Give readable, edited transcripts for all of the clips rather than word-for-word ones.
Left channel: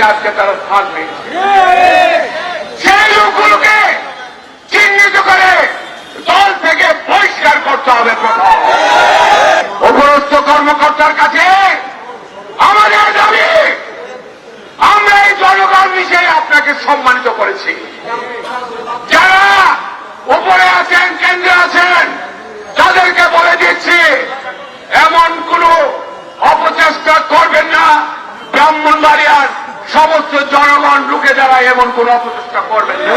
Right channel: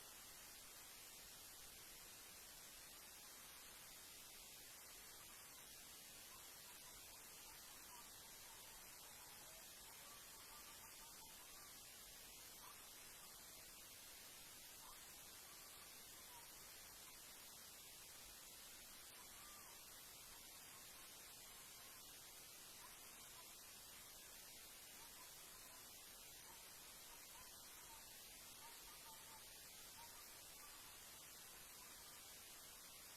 রাজনীতিতে আজকে তারা স্থান পেয়েছে। সেই লোকগুলোকে চিহ্নিত করে দল থেকে বহিষ্কার করতে হবে। প্রথম উপরস্থ কর্মকর্তার কাছে আমাদের দাবি, আমরা এই জনগণ মিশে আপনাকে সম্মানিত করেছি। যারা উপরে আছেন, কেন্দ্রে আছেন, তাদেরকে বলে দিচ্ছি এমন কোন অপচেষ্টা করবেন না। ব্রাহ্মণবাড়িয়ার সমস্ত জনগণ রুখে দাঁড়ায় এমন কোন অপচেষ্টা করবেন না।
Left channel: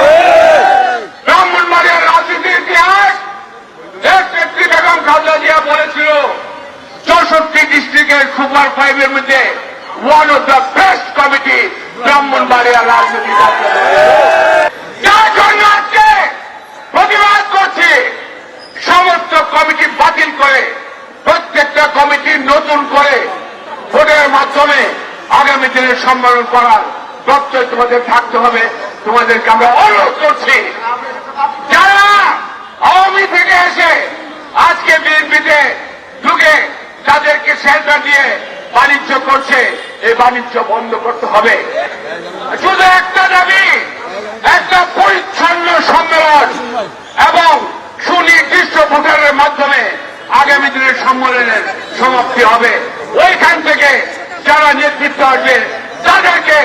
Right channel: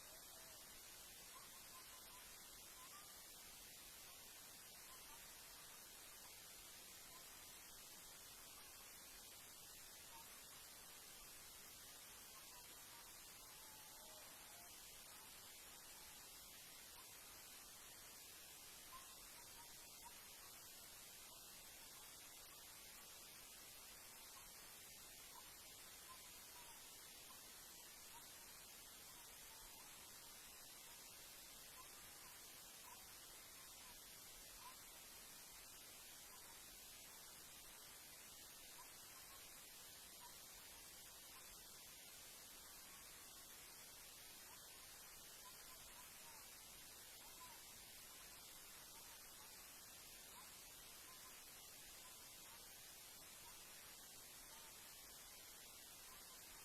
ব্রাহ্মণবাড়িয়ার রাজনীতির ইতিহাস নেত্রী বেগম খালেদা জিয়া বলেছিল 64 ডিস্ট্রিক্টের সুপার 5 এর মধ্যে one of the best committee ব্রাহ্মণবাড়িয়ার রাজনীতি। যার জন্য আজকে প্রতিবাদ করছি, সমস্ত কমিটি বাতিল করে প্রত্যেকটা কমিটি নতুন করে ভোটের মাধ্যমে আগামী দিনে সম্মেলন করার প্রত্যয় তোমাদের থাকতে হবে। তোমাদেরকে আমরা অনুরোধ করছি, যারা আওয়ামী থেকে এসে আজকে বিএনপিতে ঢুকে তাদেরকে শেল্টার দিয়ে বাণিজ্য করছে, এই বাণিজ্য বন্ধ করতে হবে। শুধু একটা দাবি, একটা পরিচ্ছন্ন সম্মেলন এবং সুনির্দিষ্ট ভোটারের মাধ্যমে আগামী দিনের সম্মেলনের সমাপ্তি হবে। ওইখান থেকে যারা নেতৃত্ব আসবে তাদেরকে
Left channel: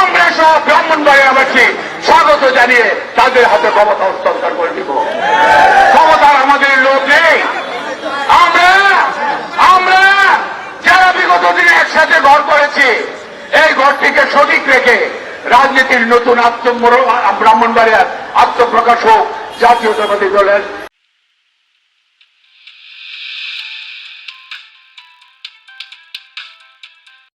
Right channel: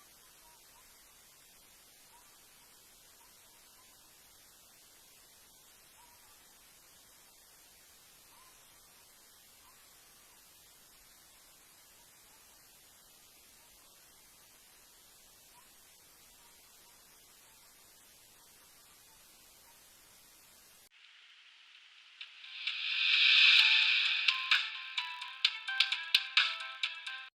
আমরা সহ ব্রাহ্মণবাড়িয়াবাসী স্বাগত জানিয়ে তাদের হাতে ক্ষমতা হস্তান্তর করে দিব। ক্ষমতার আমাদের লোক নেই। আমরা যারা বিগত দিনে একসাথে ঘর করেছি, এই ঘরটিকে সঠিক রেখে রাজনীতির নতুন ব্রাহ্মণবাড়িয়ার আত্মপ্রকাশ হোক জাতীয়তাবাদী দলের